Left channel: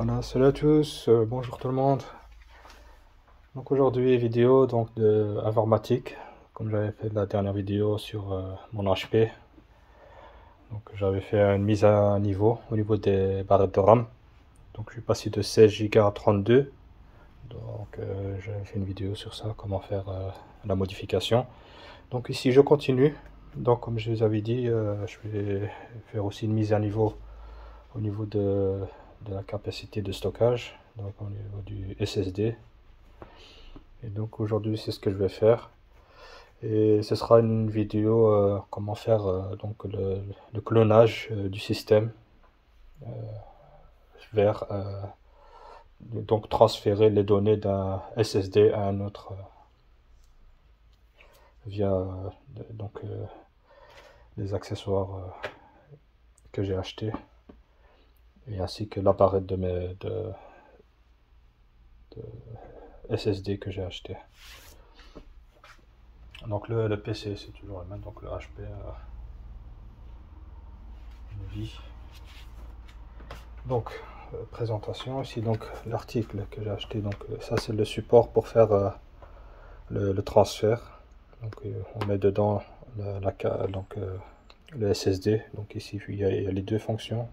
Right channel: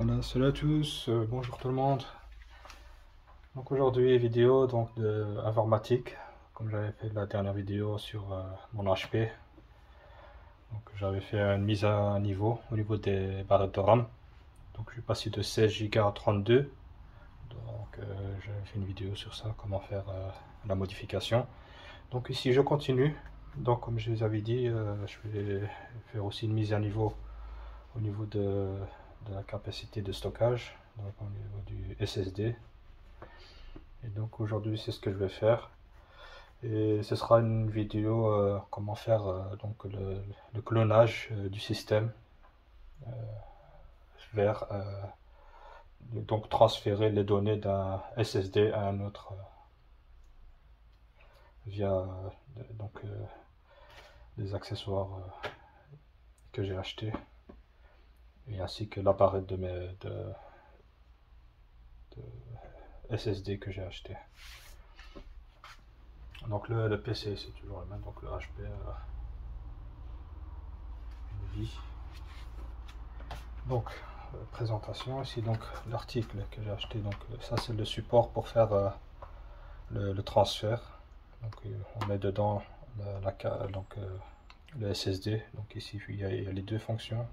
Voilà, salut à tous, bonjour tout le monde. Donc aujourd'hui vidéo donc de informatique, comme j'avais fait la dernière vidéo sur mon HP. Donc j'avais fait une mise à niveau au niveau des barrettes de RAM. Donc je suis passé de 16 Go à 32. Donc j'avais fait une vidéo sur ça, comment faire la modification. Donc ici je continue. Donc comme je vous avais dit, je vais faire aussi une mise à niveau au niveau de la capacité de stockage, donc au niveau du SSD. Et donc aujourd'hui c'est ce que je vais faire. Et ce sera une vidéo comment faire donc le clonage du système vers donc transférer les données d'un SSD à un autre via donc des accessoires que j'ai acheté et ainsi que l'appareil de SSD que j'ai acheté. Donc le PC c'est toujours le même, donc le HP vie. Donc présentation ici, donc l'article que j'ai acheté, donc ça c'est le support pour faire le transfert. Donc on met dedans le SSD. Donc ici il y a les deux fonctions,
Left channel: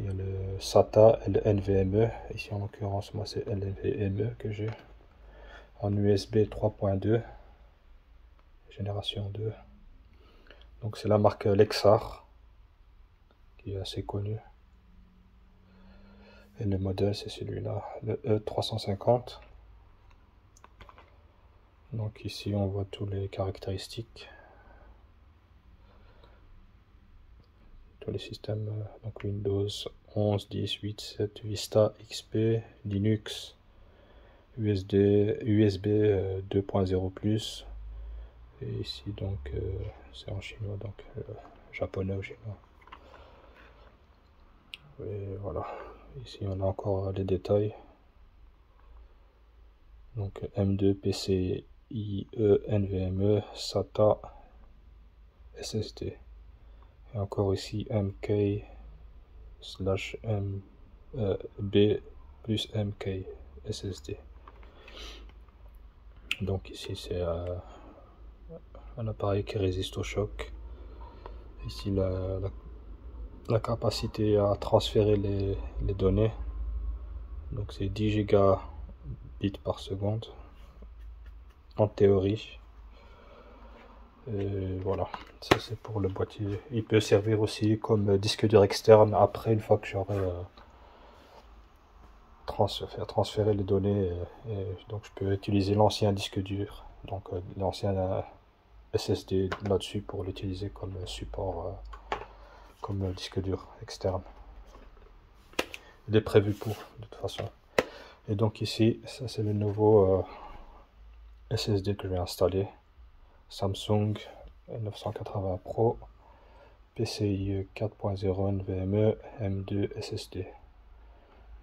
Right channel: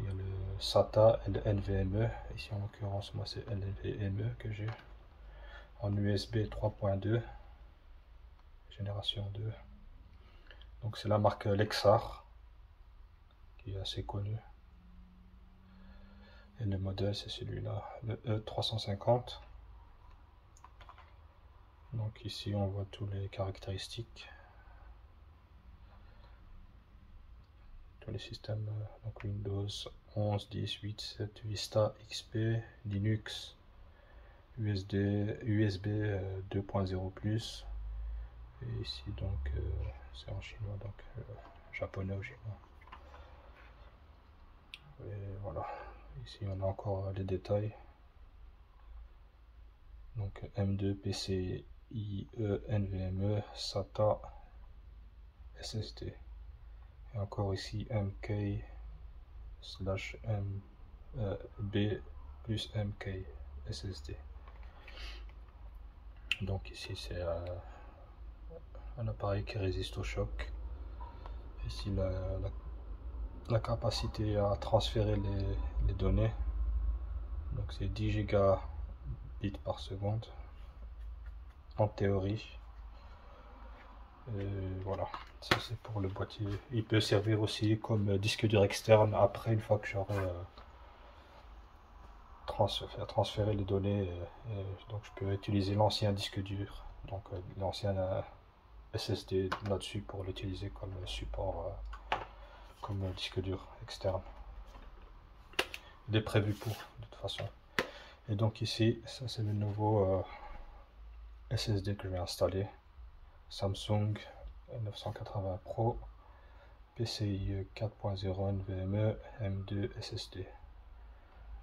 il y a le SATA et le NVMe. Ici en l'occurrence moi c'est NVMe que j'ai en USB 3.2 génération 2. Donc c'est la marque Lexar qui est assez connue. Et le modèle c'est celui-là, le E350. Donc ici on voit tous les caractéristiques, tous les systèmes, donc Windows 11, 10, 8, 7, Vista, XP, Linux, USB 2.0+, et ici donc c'est en chinois, donc japonais ou chinois. Et voilà, ici on a encore les détails. Donc M2, PCIe, NVMe, SATA, SSD. Et encore ici MK/B plus MK SSD. Donc ici c'est un appareil qui résiste au choc. Ici la capacité à transférer les données. Donc c'est 10 gigabits par seconde en théorie. Et voilà, ça c'est pour le boîtier. Il peut servir aussi comme disque dur externe après, une fois que j'aurai transférer les données. Donc je peux utiliser l'ancien disque dur, donc l'ancien SSD là-dessus pour l'utiliser comme support, comme disque dur externe. Il est prévu pour, de toute façon. Et donc ici, ça c'est le nouveau SSD que je vais installer. Samsung 980 Pro, PCIe 4.0 NVMe, M2 SSD.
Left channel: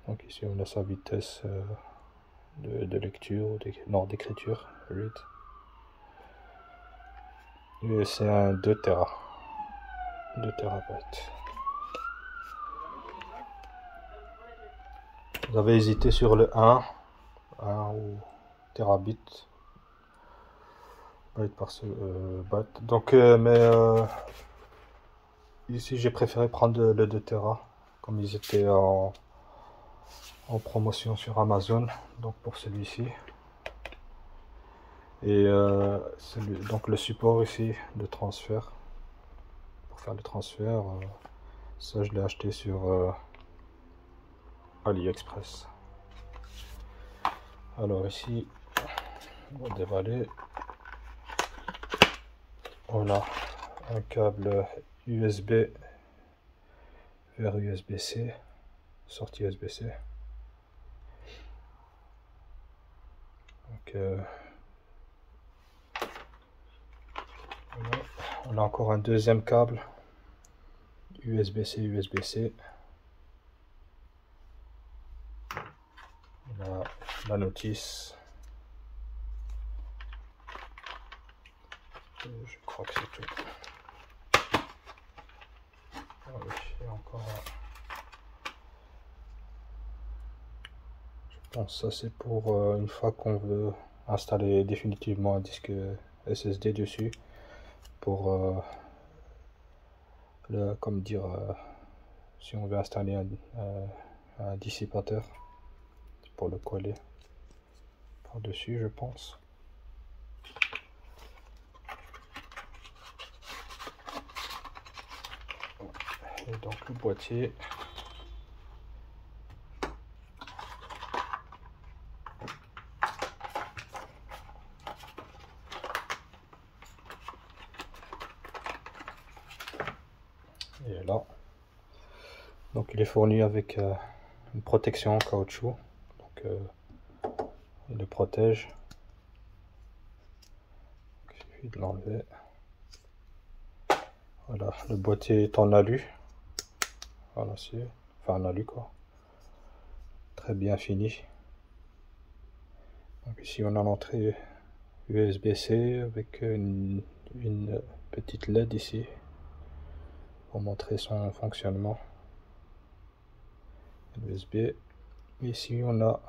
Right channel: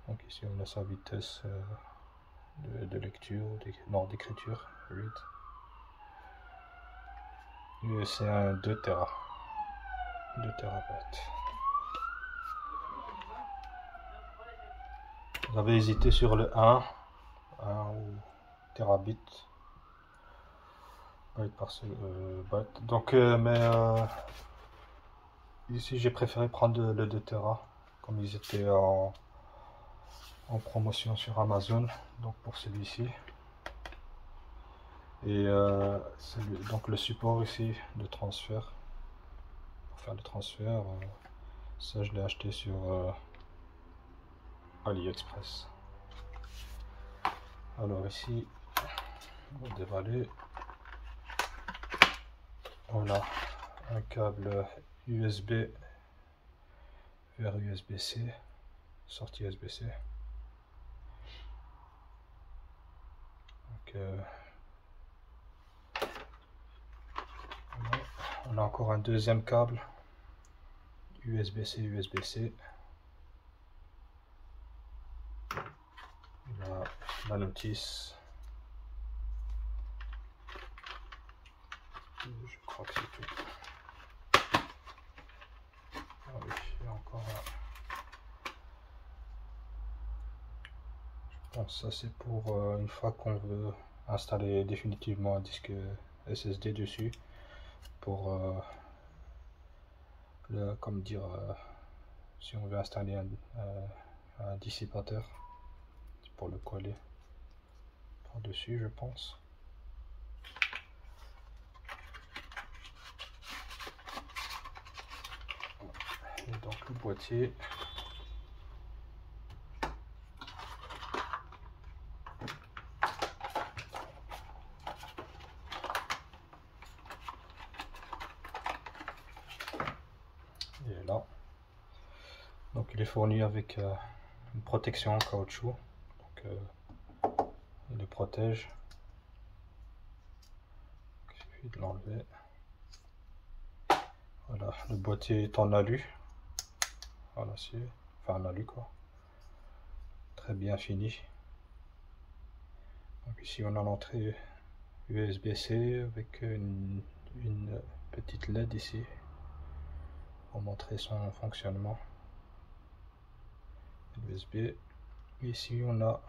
Donc ici on a sa vitesse de lecture, d'écriture, read. Et c'est un 2 Tera, 2 terabytes. Vous avez hésité sur le 1 ou terabit byte par byte. Donc ici j'ai préféré prendre le 2 Tera comme ils étaient en promotion sur Amazon, donc pour celui-ci. Et donc le support ici de transfert, pour faire le transfert, ça je l'ai acheté sur AliExpress. Alors ici on va dévaler. Voilà un câble USB vers USB-C, sortie USB-C. Donc voilà. On a encore un deuxième câble USB-C, USB-C. La notice. Je crois que c'est tout. Ah oui, il y a encore Bon, ça c'est pour une fois qu'on veut installer définitivement un disque SSD dessus, pour comme dire, si on veut installer un dissipateur, pour le coller par dessus, je pense. Et donc le boîtier, et là, donc il est fourni avec une protection en caoutchouc, donc il le protège. Il suffit de l'enlever. Voilà, le boîtier est en alu, voilà, enfin en alu quoi, très bien fini. Donc ici on a l'entrée USB-C avec une petite LED ici pour montrer son fonctionnement. USB. Ici on a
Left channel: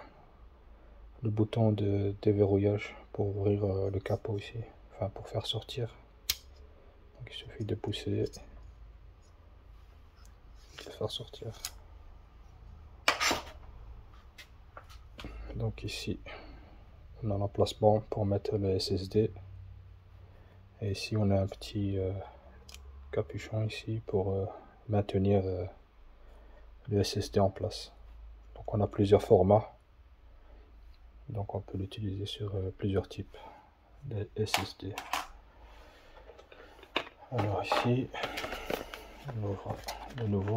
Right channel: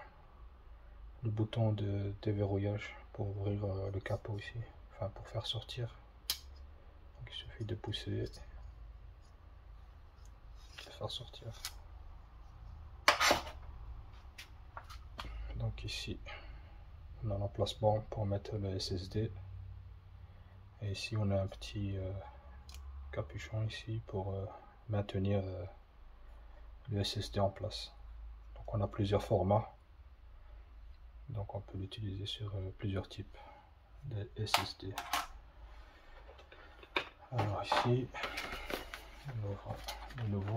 le bouton de déverrouillage pour ouvrir le capot ici, enfin pour faire sortir. Donc il suffit de pousser et de faire sortir. Donc ici on a l'emplacement pour mettre le SSD, et ici on a un petit capuchon ici pour maintenir le SSD en place. Donc on a plusieurs formats, donc on peut l'utiliser sur plusieurs types de SSD. Alors ici on ouvre le nouveau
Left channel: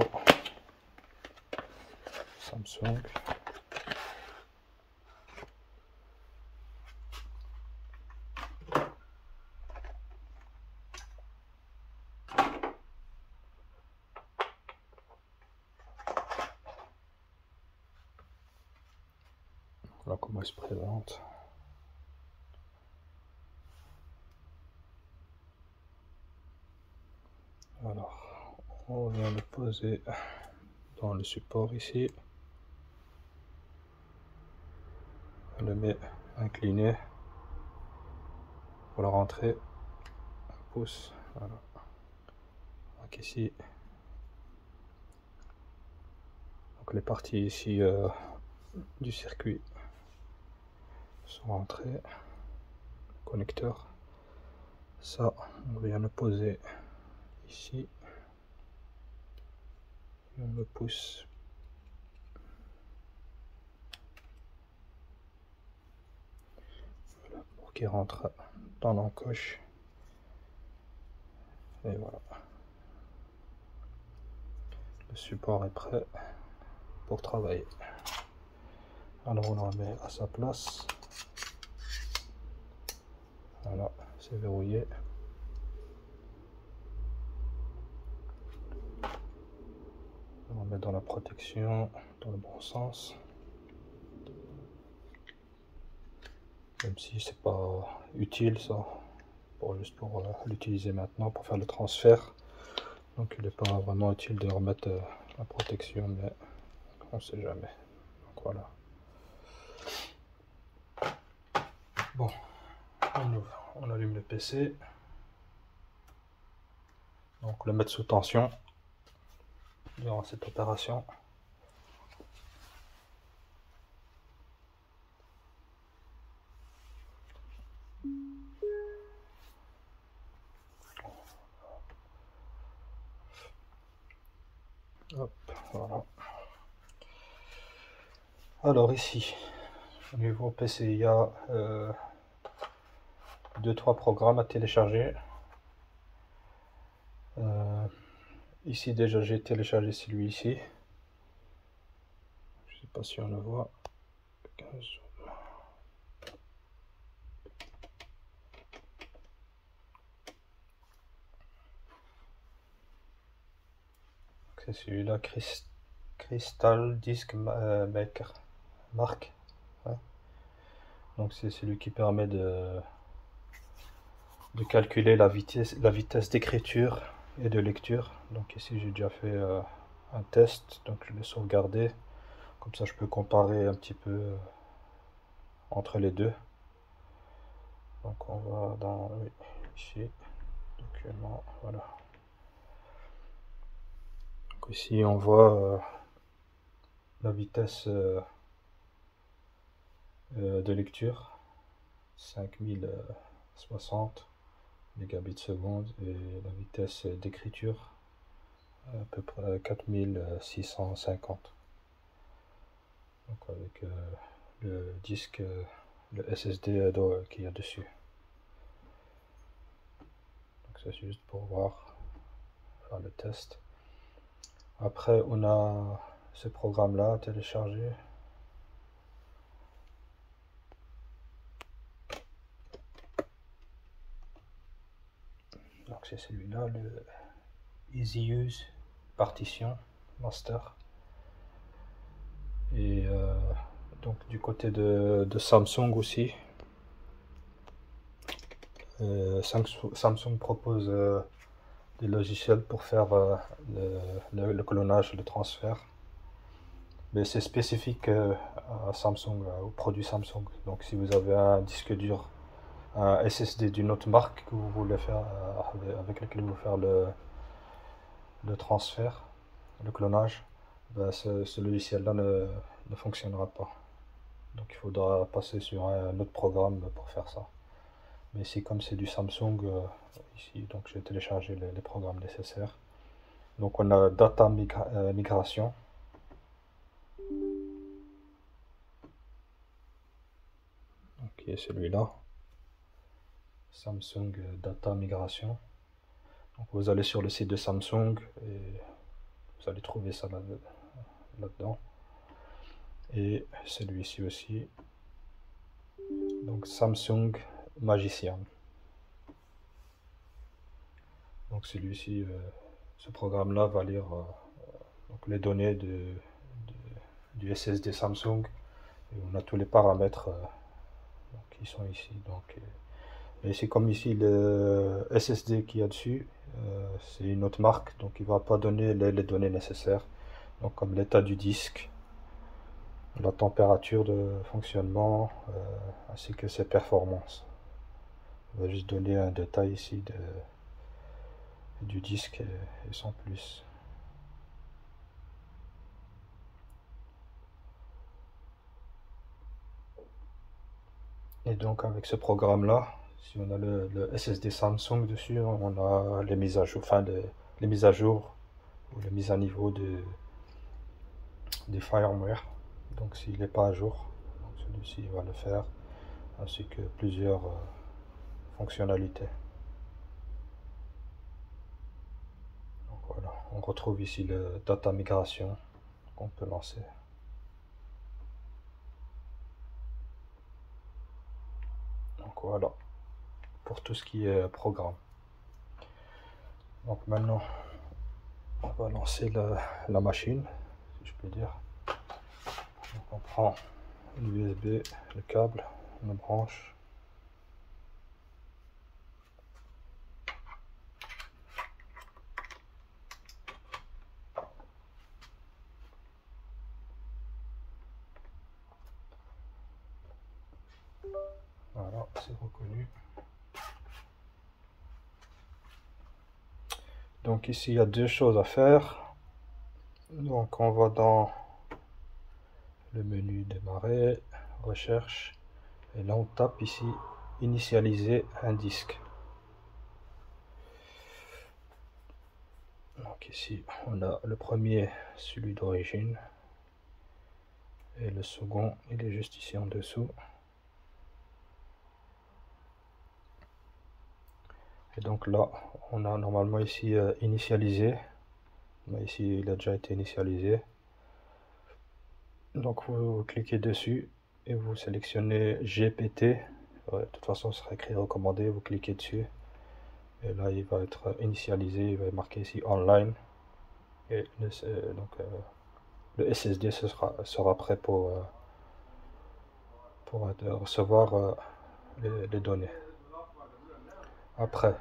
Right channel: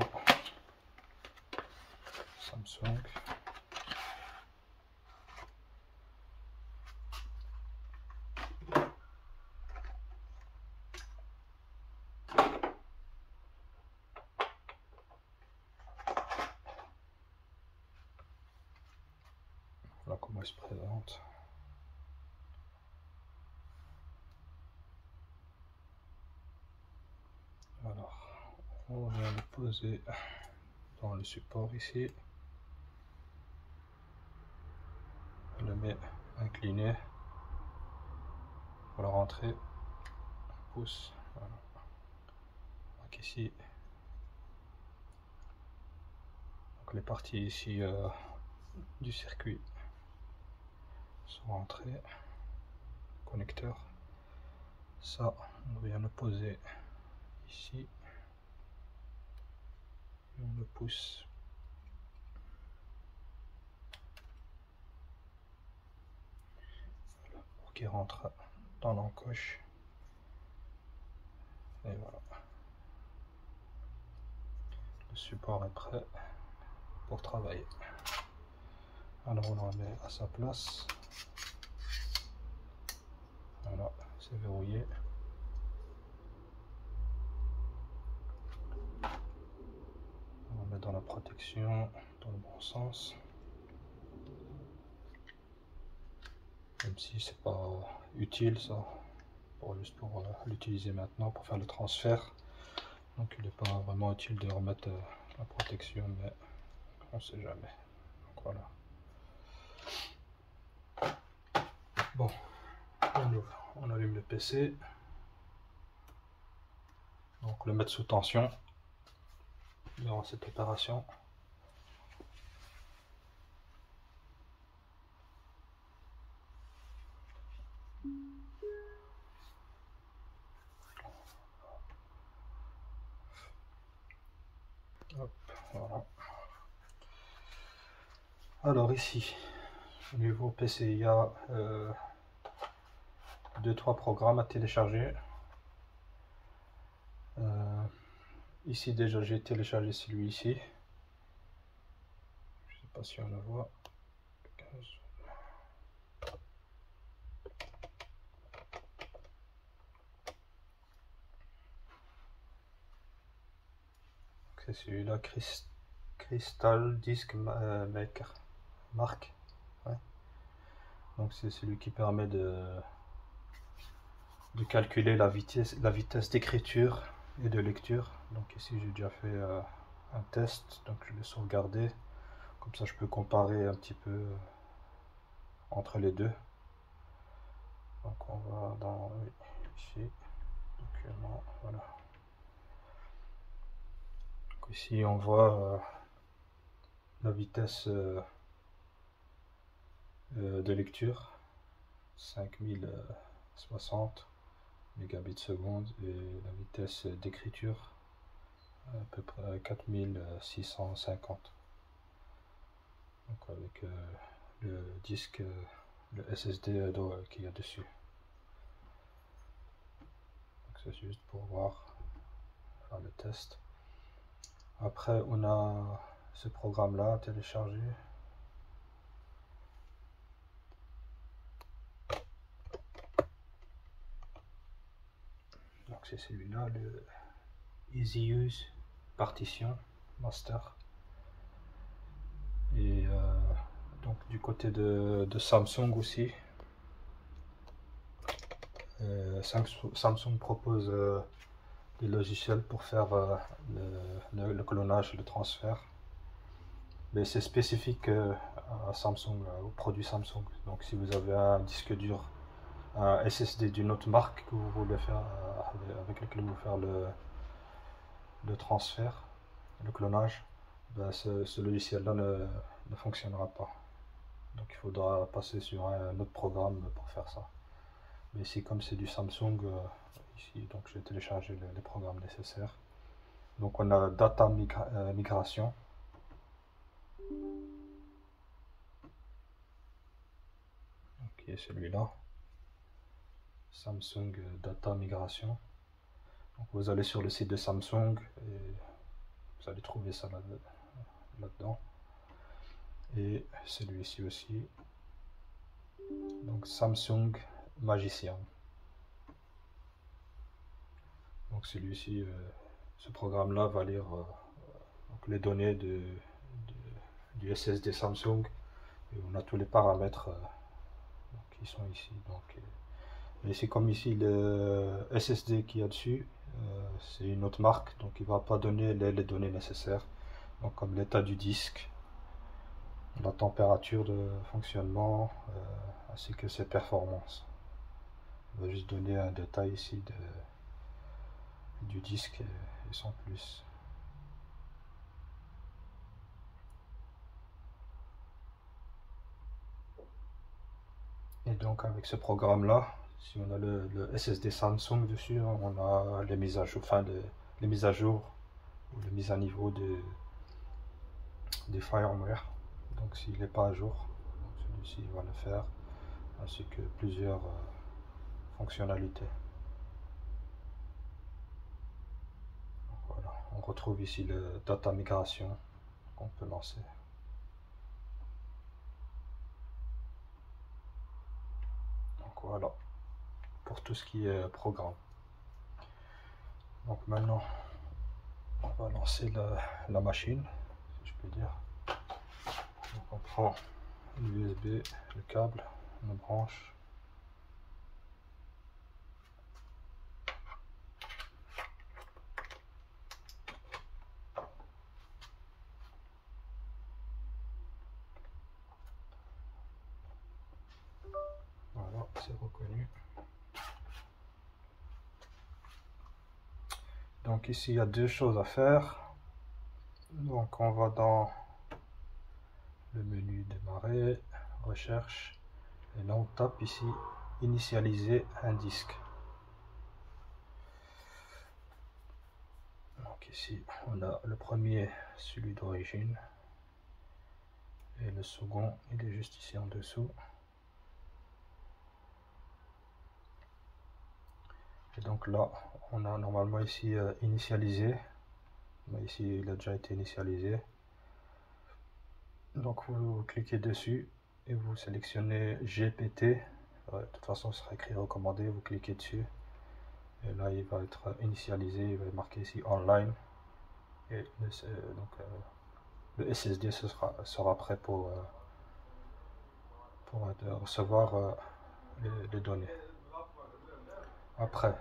Samsung. Voilà comment il se présente. Alors, on vient le poser dans le support ici. On le met incliné pour la rentrée. On pousse. Voilà. Donc ici, donc les parties ici du circuit sont rentrées. Connecteur. Ça, on vient le poser ici. On le pousse. Voilà, pour qu'il rentre dans l'encoche. Et voilà. Le support est prêt pour travailler. Alors on le remet à sa place. Voilà, c'est verrouillé. On le met dans la protection, dans le bon sens. Même si c'est pas utile ça, juste pour l'utiliser maintenant pour faire le transfert. Donc il n'est pas vraiment utile de remettre la protection, mais on sait jamais. Donc voilà. Bon, on allume le PC. Donc le mettre sous tension durant cette opération. Hop, voilà. Alors ici, au niveau PC, il y a 2-3 programmes à télécharger. Ici déjà j'ai téléchargé celui-ci. Je sais pas si on le voit. C'est celui-là, Crystal Disk Maker Mark. Ouais. Donc c'est celui qui permet de calculer la vitesse d'écriture et de lecture. Donc ici j'ai déjà fait un test, donc je l'ai sauvegardé. Comme ça je peux comparer un petit peu entre les deux. Donc on va dans oui, ici, document, voilà. Donc ici on voit la vitesse de lecture, 5060 mégabits seconde, et la vitesse d'écriture à peu près 4650. Donc avec le disque, le SSD qu'il y a dessus. Donc c'est juste pour voir, faire le test. Après on a ce programme là à télécharger. Donc c'est celui-là, le Easy Use Partition Master. Et donc du côté de Samsung aussi, Samsung propose des logiciels pour faire le clonage et le transfert, mais c'est spécifique à Samsung, aux produits Samsung. Donc si vous avez un disque dur, un SSD d'une autre marque que vous voulez faire avec lequel vous voulez faire le transfert, le clonage, ben ce logiciel-là ne fonctionnera pas. Donc il faudra passer sur un autre programme pour faire ça. Mais ici, comme c'est du Samsung, ici, donc j'ai téléchargé les programmes nécessaires. Donc on a Data Migration. Donc qui est celui-là. Samsung Data Migration. Donc vous allez sur le site de Samsung et vous allez trouver ça là-dedans. Et celui-ci aussi. Donc Samsung Magician. Donc celui-ci, ce programme-là va lire donc les données du SSD Samsung. Et on a tous les paramètres qui sont ici. Donc, et c'est comme ici le SSD qu'il y a dessus, c'est une autre marque, donc il va pas donner les données nécessaires. Donc comme l'état du disque, la température de fonctionnement, ainsi que ses performances. Il va juste donner un détail ici du disque et sans plus. Et donc avec ce programme là, si on a le SSD Samsung dessus, on a les mises à jour, enfin les mises à jour ou les mises à niveau des firmware. Donc s'il n'est pas à jour, celui-ci va le faire, ainsi que plusieurs fonctionnalités. Donc voilà, on retrouve ici le data migration qu'on peut lancer. Donc voilà, pour tout ce qui est programme. Donc maintenant, on va lancer la machine, si je peux dire. Donc on prend l'USB, le câble, on le branche. Voilà, c'est reconnu. Donc ici, il y a deux choses à faire. Donc on va dans le menu démarrer, recherche, et là on tape ici initialiser un disque. Donc ici on a le premier, celui d'origine, et le second il est juste ici en dessous. Et donc là on a normalement ici initialisé, mais ici il a déjà été initialisé. Donc vous cliquez dessus et vous sélectionnez GPT. De toute façon ce sera écrit recommandé, vous cliquez dessus et là il va être initialisé, il va marquer ici online, et donc le SSD sera prêt pour recevoir les données. Après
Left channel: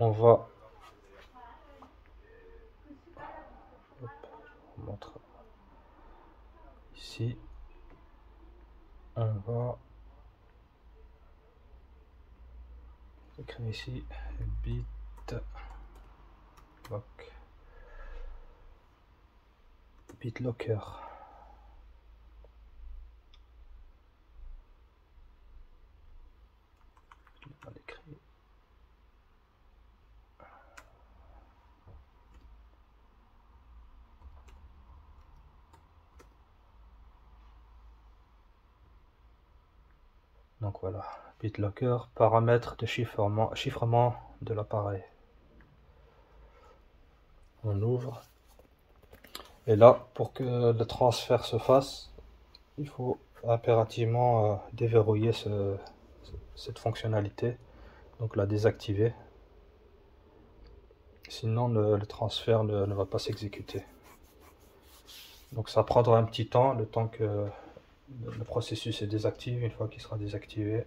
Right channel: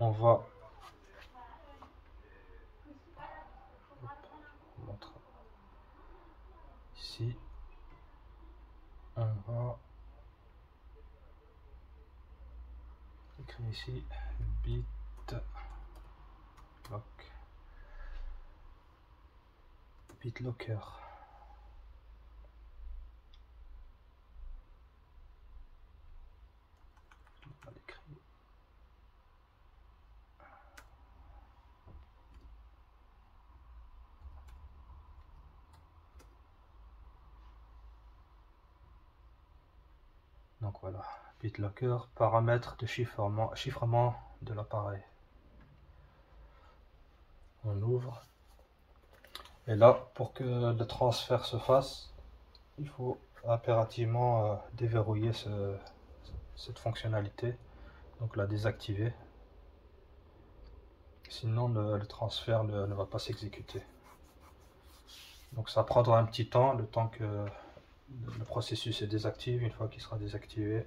on va montrer ici, on va écrire ici BitLocker. On va l'écrire. Donc voilà, BitLocker, paramètres de chiffrement de l'appareil. On ouvre. Et là, pour que le transfert se fasse, il faut impérativement déverrouiller cette fonctionnalité, donc la désactiver. Sinon, le transfert ne va pas s'exécuter. Donc ça prendra un petit temps, le temps que le processus est désactivé. Une fois qu'il sera désactivé,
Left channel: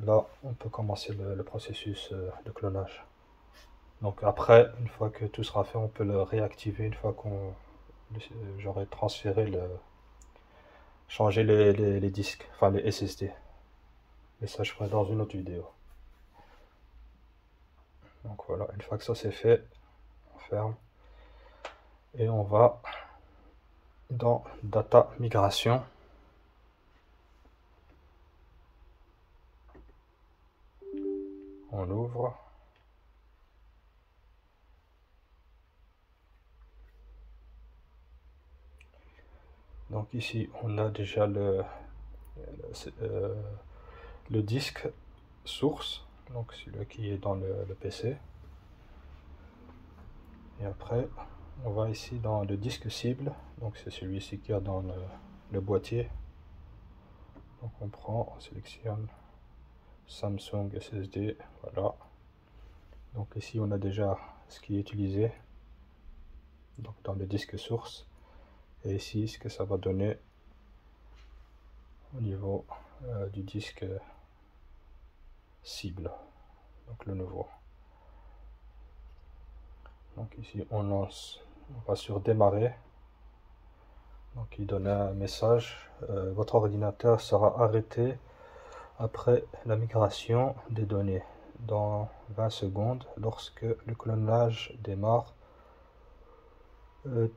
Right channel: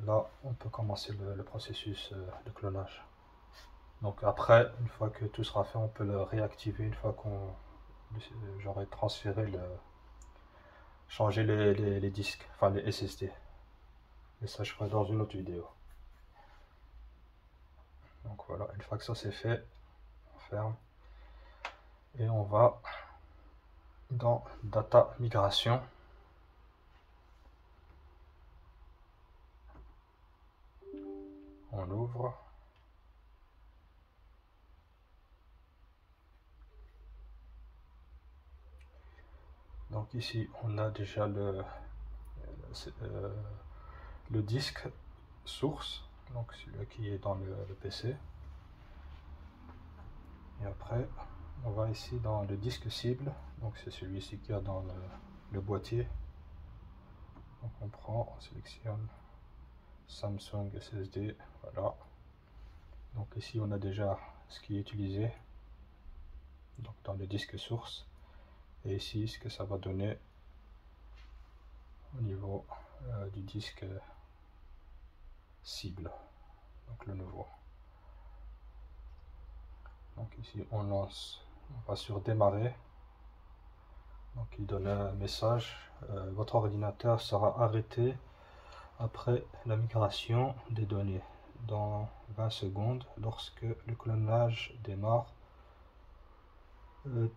là, on peut commencer le processus de clonage. Donc après, une fois que tout sera fait, on peut le réactiver une fois qu'on j'aurai transféré changer les disques, enfin les SSD. Et ça, je ferai dans une autre vidéo. Donc voilà, une fois que ça c'est fait, on ferme. Et on va dans Data Migration. On ouvre. Donc ici, on a déjà le disque source, donc celui qui est dans le PC. Et après, on va ici dans le disque cible, donc c'est celui-ci qui est dans le boîtier. Donc on prend, on sélectionne Samsung SSD, voilà. Donc ici on a déjà ce qui est utilisé, donc dans le disque source. Et ici ce que ça va donner au niveau du disque cible, donc le nouveau. Donc ici on lance, on va sur démarrer. Donc il donne un message, votre ordinateur sera arrêté après la migration des données dans 20 secondes. Lorsque le clonage démarre,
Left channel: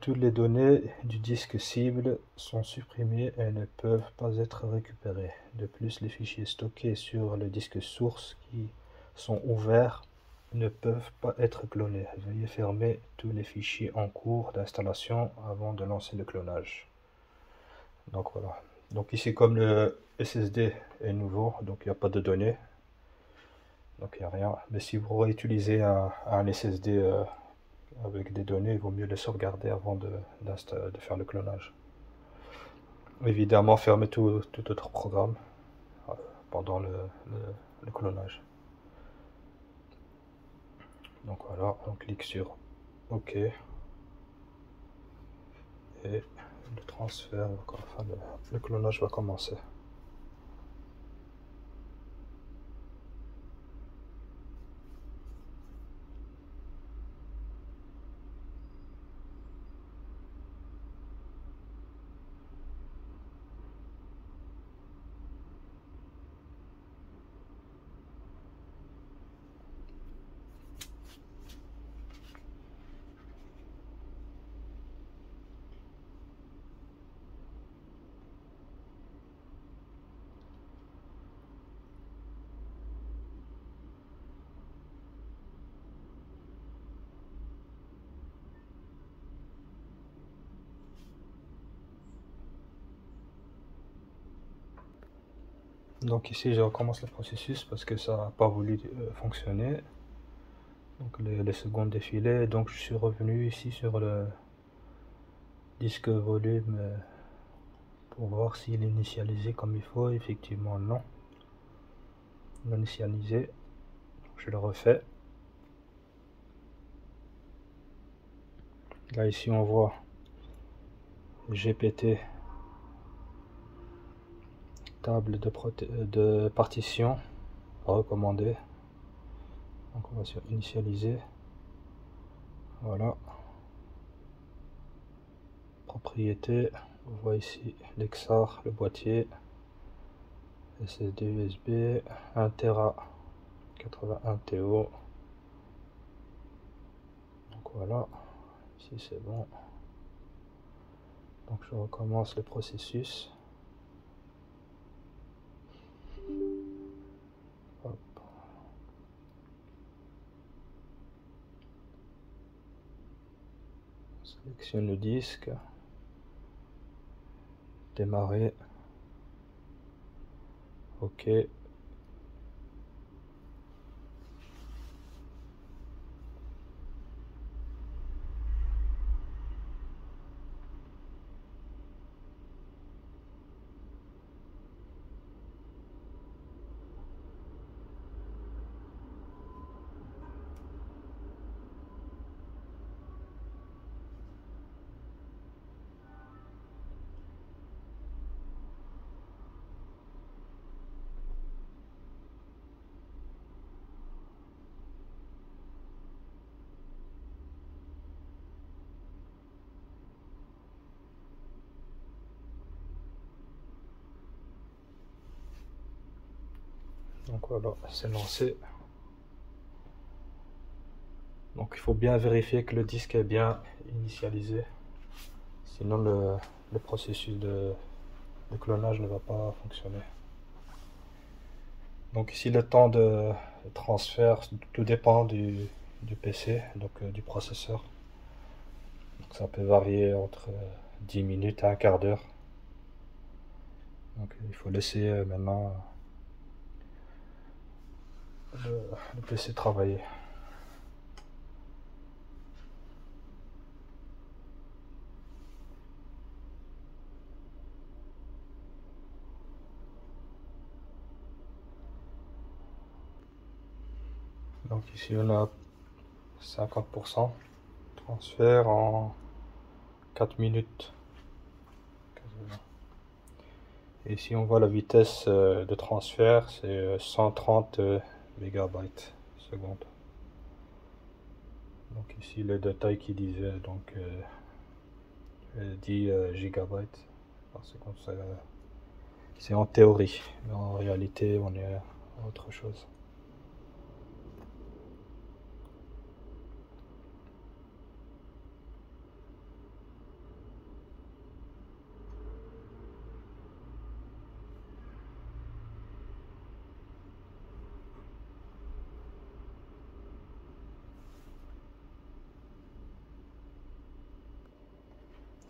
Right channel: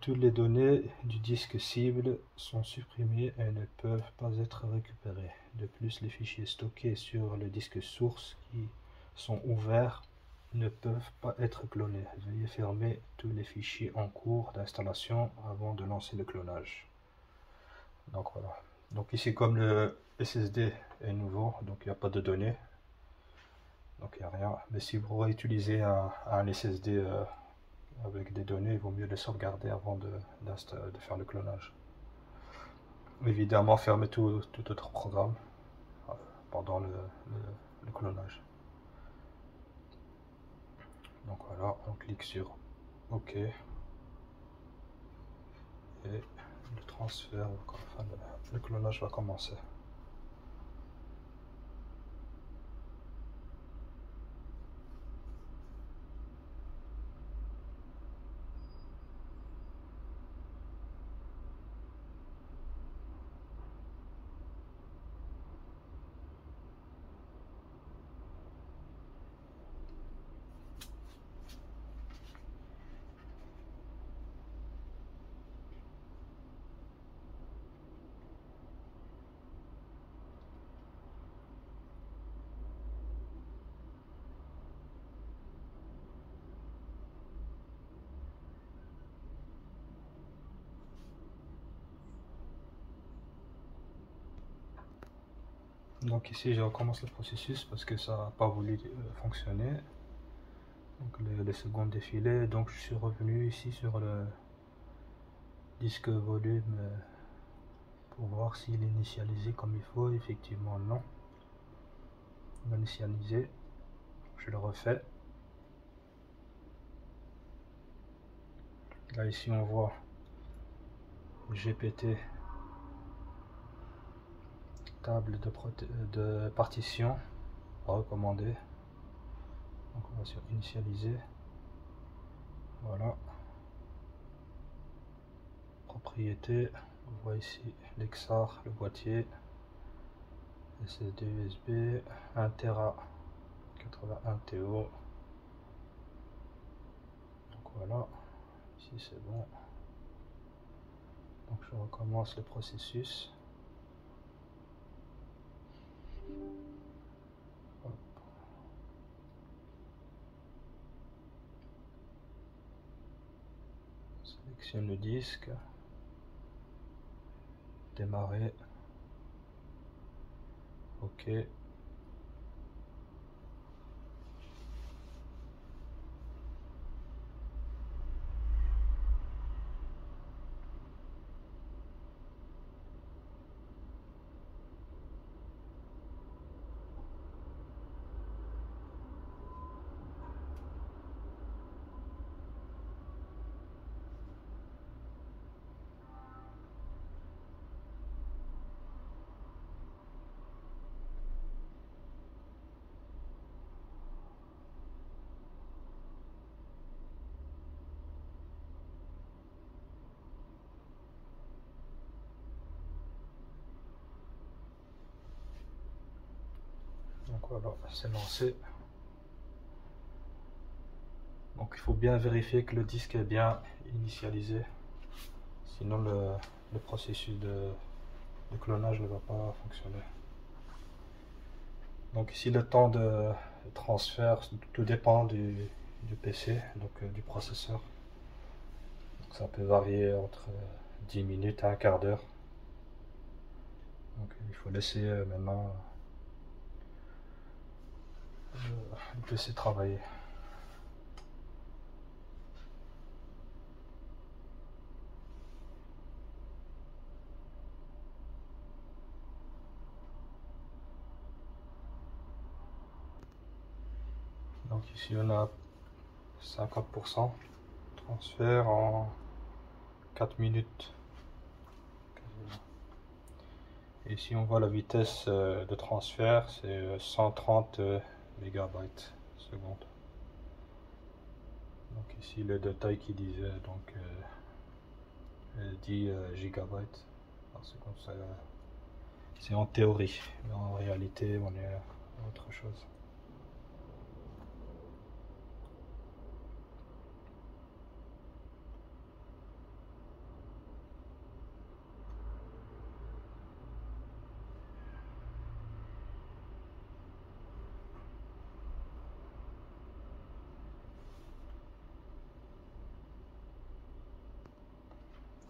toutes les données du disque cible sont supprimées et ne peuvent pas être récupérées. De plus, les fichiers stockés sur le disque source qui sont ouverts ne peuvent pas être clonés. Veuillez fermer tous les fichiers en cours d'installation avant de lancer le clonage. Donc voilà. Donc ici, comme le SSD est nouveau, donc il n'y a pas de données, donc il n'y a rien. Mais si vous réutilisez un SSD avec des données, il vaut mieux les sauvegarder avant de faire le clonage. Évidemment, fermez tout autre programme pendant le clonage. Donc voilà, on clique sur OK. Et le transfert, enfin le clonage va commencer. Donc ici, je recommence le processus parce que ça n'a pas voulu fonctionner. Donc les secondes défilées, donc je suis revenu ici sur le disque volume pour voir s'il est initialisé comme il faut. Effectivement non, non initialisé. Je le refais. Là ici on voit GPT, table de partition recommandée. Donc on va sur initialiser. Voilà. Propriété. On voit ici l'Exar, le boîtier, SSD USB, 1 Tera, 81 TO. Donc voilà, ici c'est bon. Donc je recommence le processus. Hop. Sélectionne le disque, démarrer, OK. Donc voilà, c'est lancé. Donc il faut bien vérifier que le disque est bien initialisé, sinon le processus de clonage ne va pas fonctionner. Donc ici le temps de transfert, tout dépend du PC, donc du processeur. Donc ça peut varier entre 10 minutes et un quart d'heure. Donc il faut laisser maintenant le PC travailler. Donc ici on a 50%, transfert en 4 minutes. Et ici on voit la vitesse de transfert, c'est 130 mégabytes seconde. Donc ici le détail qui disait donc 10 gigabytes. C'est en théorie, mais en réalité on est à autre chose.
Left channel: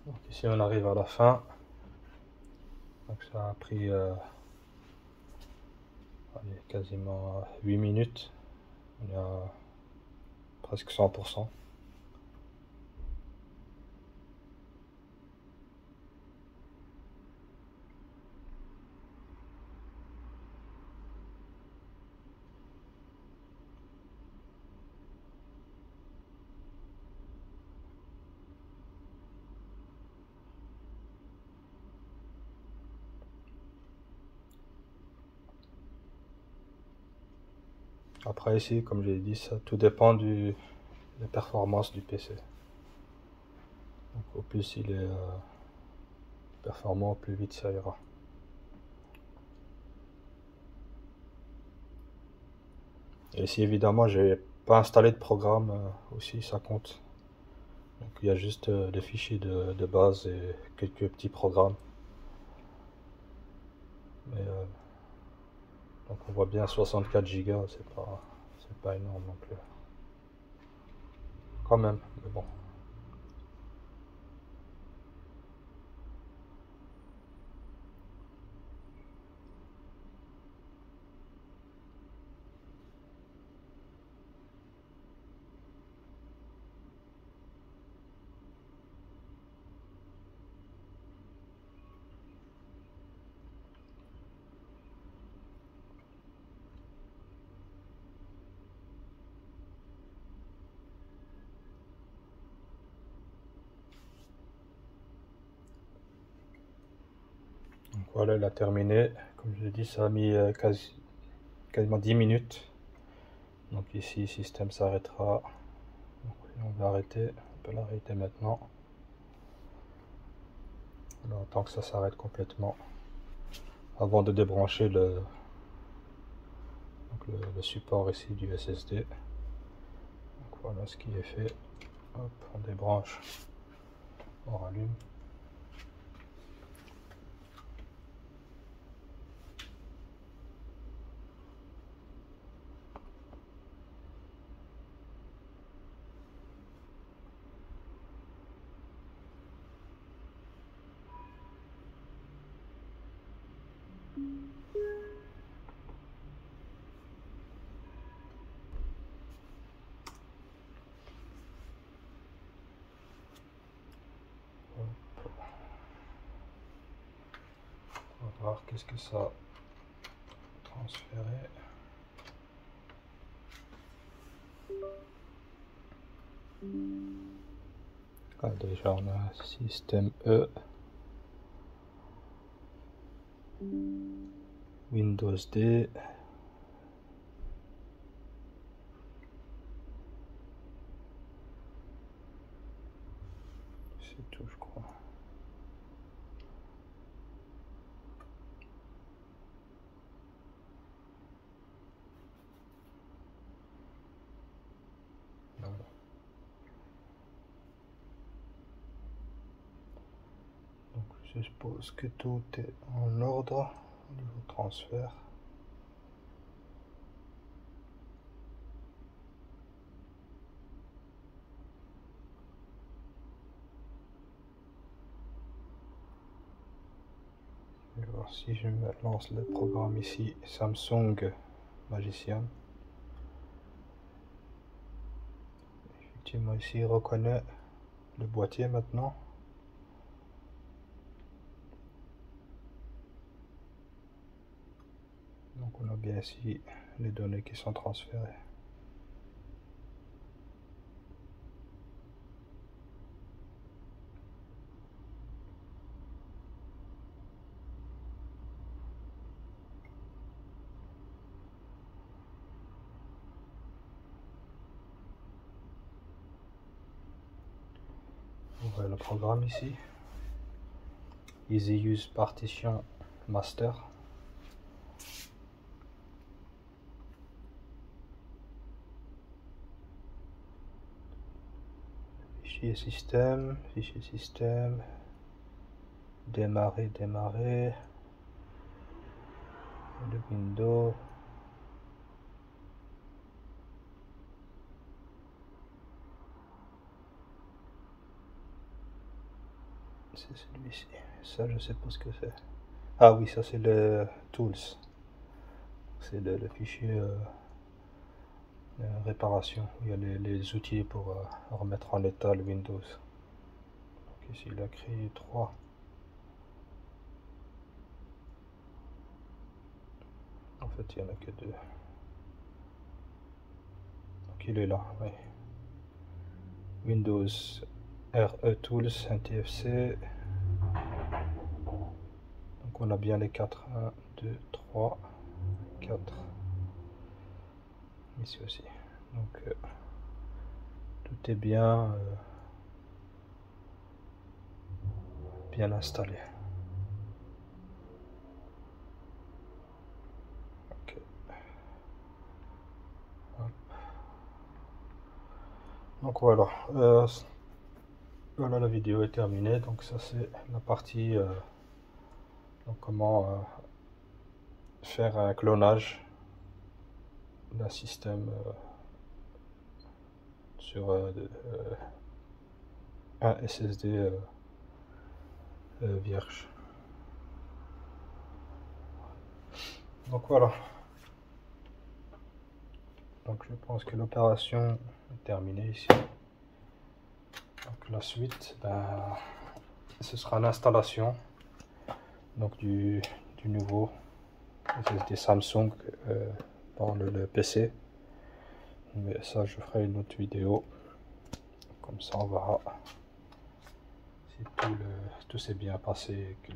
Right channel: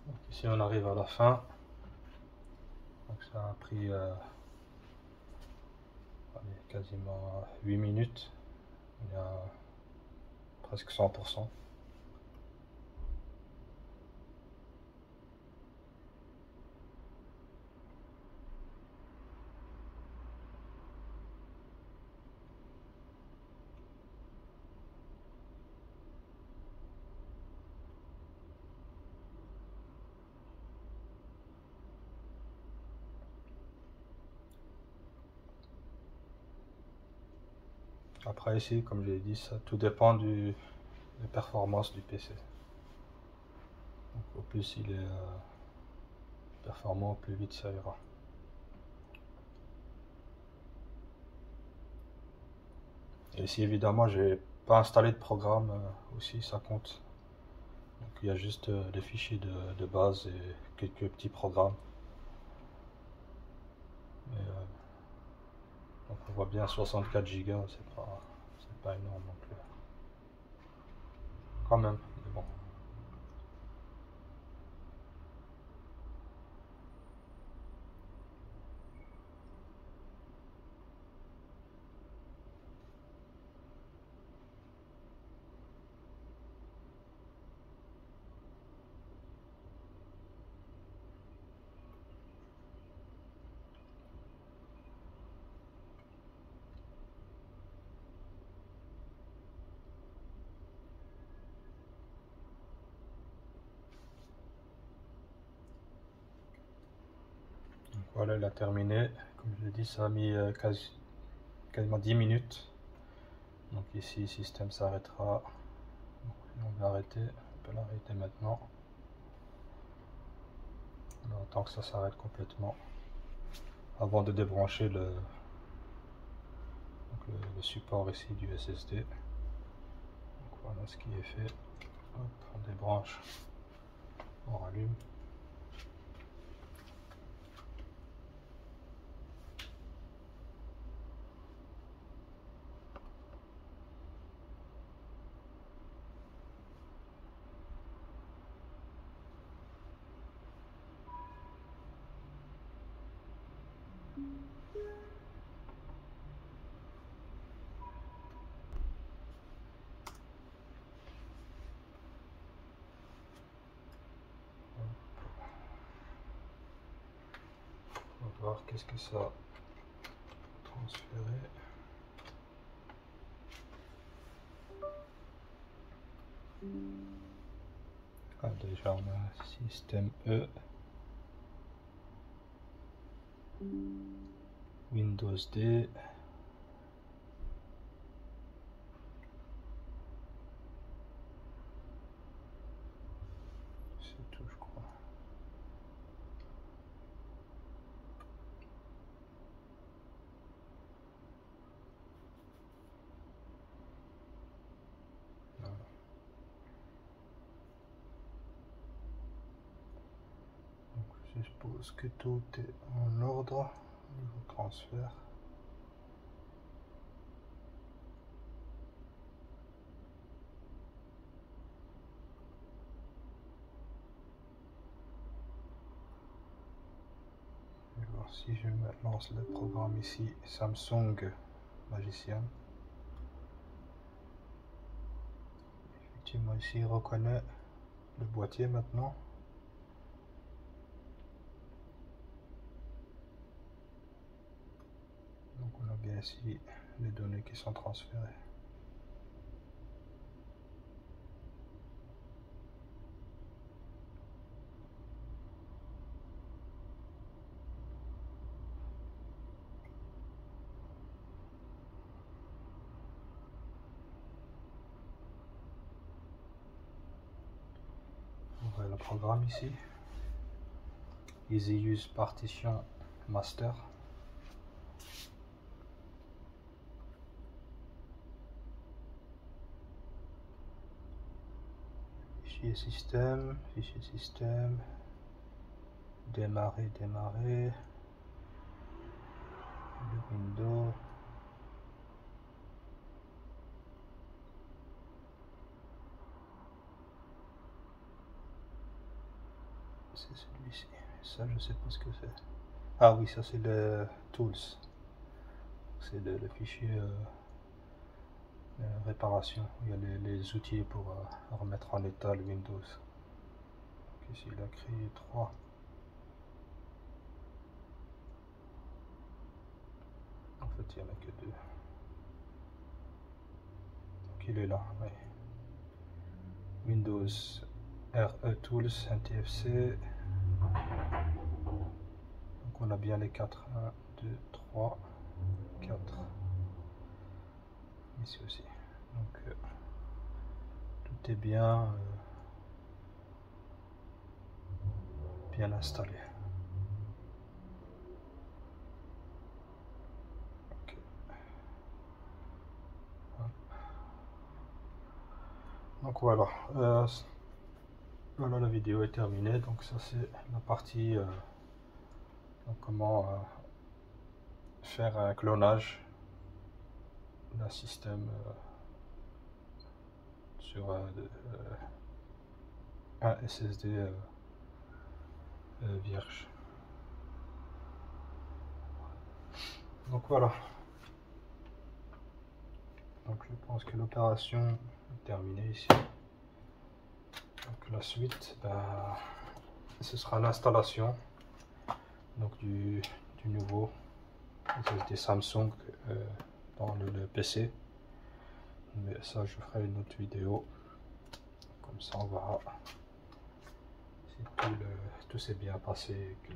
Donc ici on arrive à la fin. Donc ça a pris quasiment 8 minutes. On est à presque 100%. Après ici, comme j'ai dit, ça tout dépend des performances du PC. Donc, au plus il est performant, au plus vite ça ira. Et ici évidemment j'ai pas installé de programme aussi, ça compte. Donc il y a juste des fichiers de base et quelques petits programmes. Mais, donc on voit bien 64 Go, c'est pas énorme non plus. Quand même, mais bon. Donc voilà, il a terminé. Comme je l'ai dit, ça a mis quasiment 10 minutes. Donc ici, le système s'arrêtera. On va arrêter, on peut l'arrêter maintenant. On attend que ça s'arrête complètement avant de débrancher le support ici du SSD. Donc voilà ce qui est fait. Hop, on débranche, on rallume. On va voir qu'est-ce que ça a transféré. Ah, déjà on a système E, Windows D, c'est tout je crois. Voilà. Donc je suppose que tout est en ordre au niveau transfert. Je vais voir si je me lance le programme ici, Samsung Magician. Effectivement ici il reconnaît le boîtier maintenant. Donc on a bien ici les données qui sont transférées. On voit le programme ici. Easy Use Partition Master. Fichier système, démarrer, le Windows. C'est celui-ci. Ça, je sais pas ce que c'est. Ah oui, ça c'est le Tools. C'est le fichier réparation. Il y a les outils pour remettre en état le Windows. Donc ici, il a créé 3. En fait, il n'y en a que 2. Donc il est là, oui. Windows RE Tools, NTFC. Donc on a bien les 4. 1, 2, 3, 4. Ici aussi. Donc tout est bien installé. Okay. Donc voilà. Voilà, la vidéo est terminée. Donc ça c'est la partie donc comment faire un clonage d'un système sur un SSD vierge. Donc voilà. Donc je pense que l'opération est terminée ici. Donc la suite, ce sera l'installation donc du nouveau SSD Samsung dans le PC. Mais ça, je ferai une autre vidéo. Comme ça, on verra si tout s'est bien passé et que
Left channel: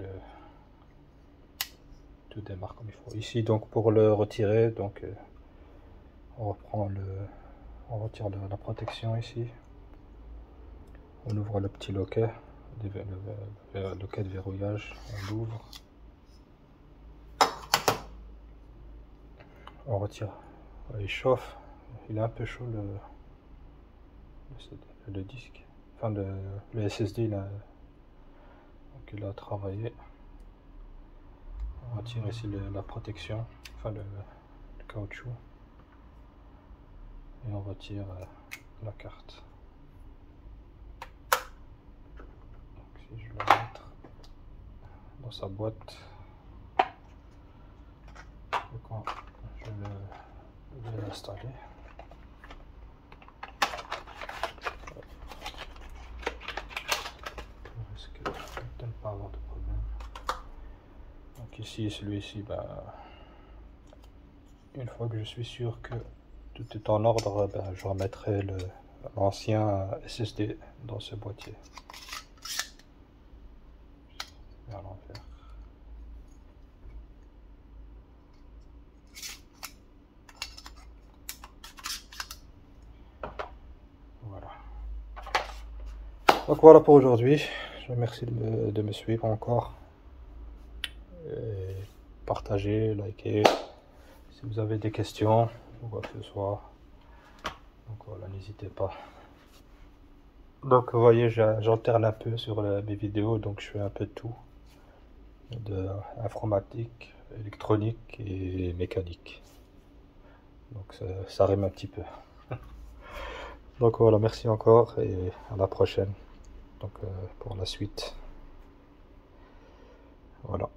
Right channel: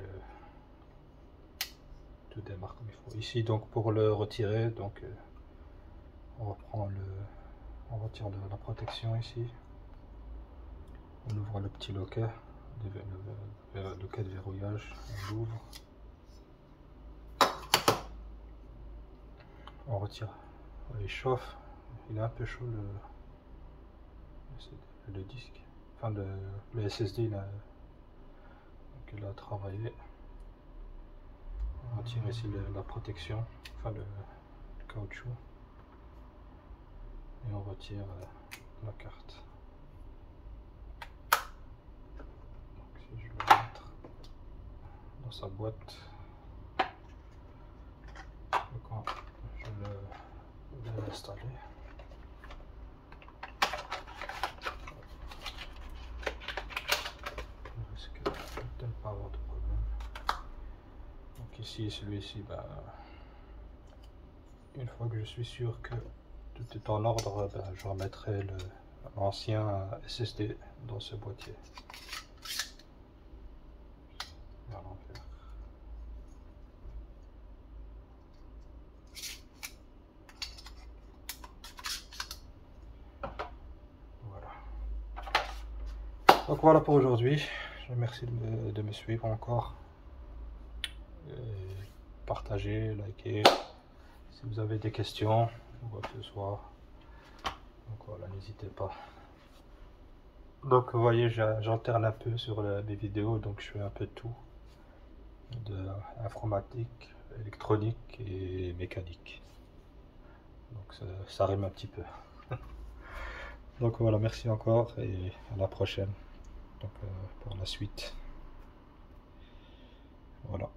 tout démarre comme il faut. Ici, donc pour le retirer, donc on retire la protection ici. On ouvre le petit loquet. le cas de verrouillage, on l'ouvre, on retire, il chauffe, il est un peu chaud le disque, enfin le SSD là, donc il a travaillé. On retire ici la protection, enfin le caoutchouc, et on retire la carte. Donc si je la mettre dans sa boîte, et quand je vais l'installer, on risque de ne pas avoir de problème. Donc ici, celui-ci, une fois que je suis sûr que tout est en ordre, je remettrai l'ancien SSD dans ce boîtier. À l'envers. Voilà. Donc voilà pour aujourd'hui. Je vous remercie de me suivre encore. Partagez, likez. Si vous avez des questions ou quoi que ce soit, donc voilà, n'hésitez pas. Donc vous voyez, j'alterne un peu sur mes vidéos, donc je fais un peu de tout, de informatique, électronique et mécanique. Donc ça rime un petit peu. Donc voilà, merci encore et à la prochaine. Donc pour la suite. Voilà.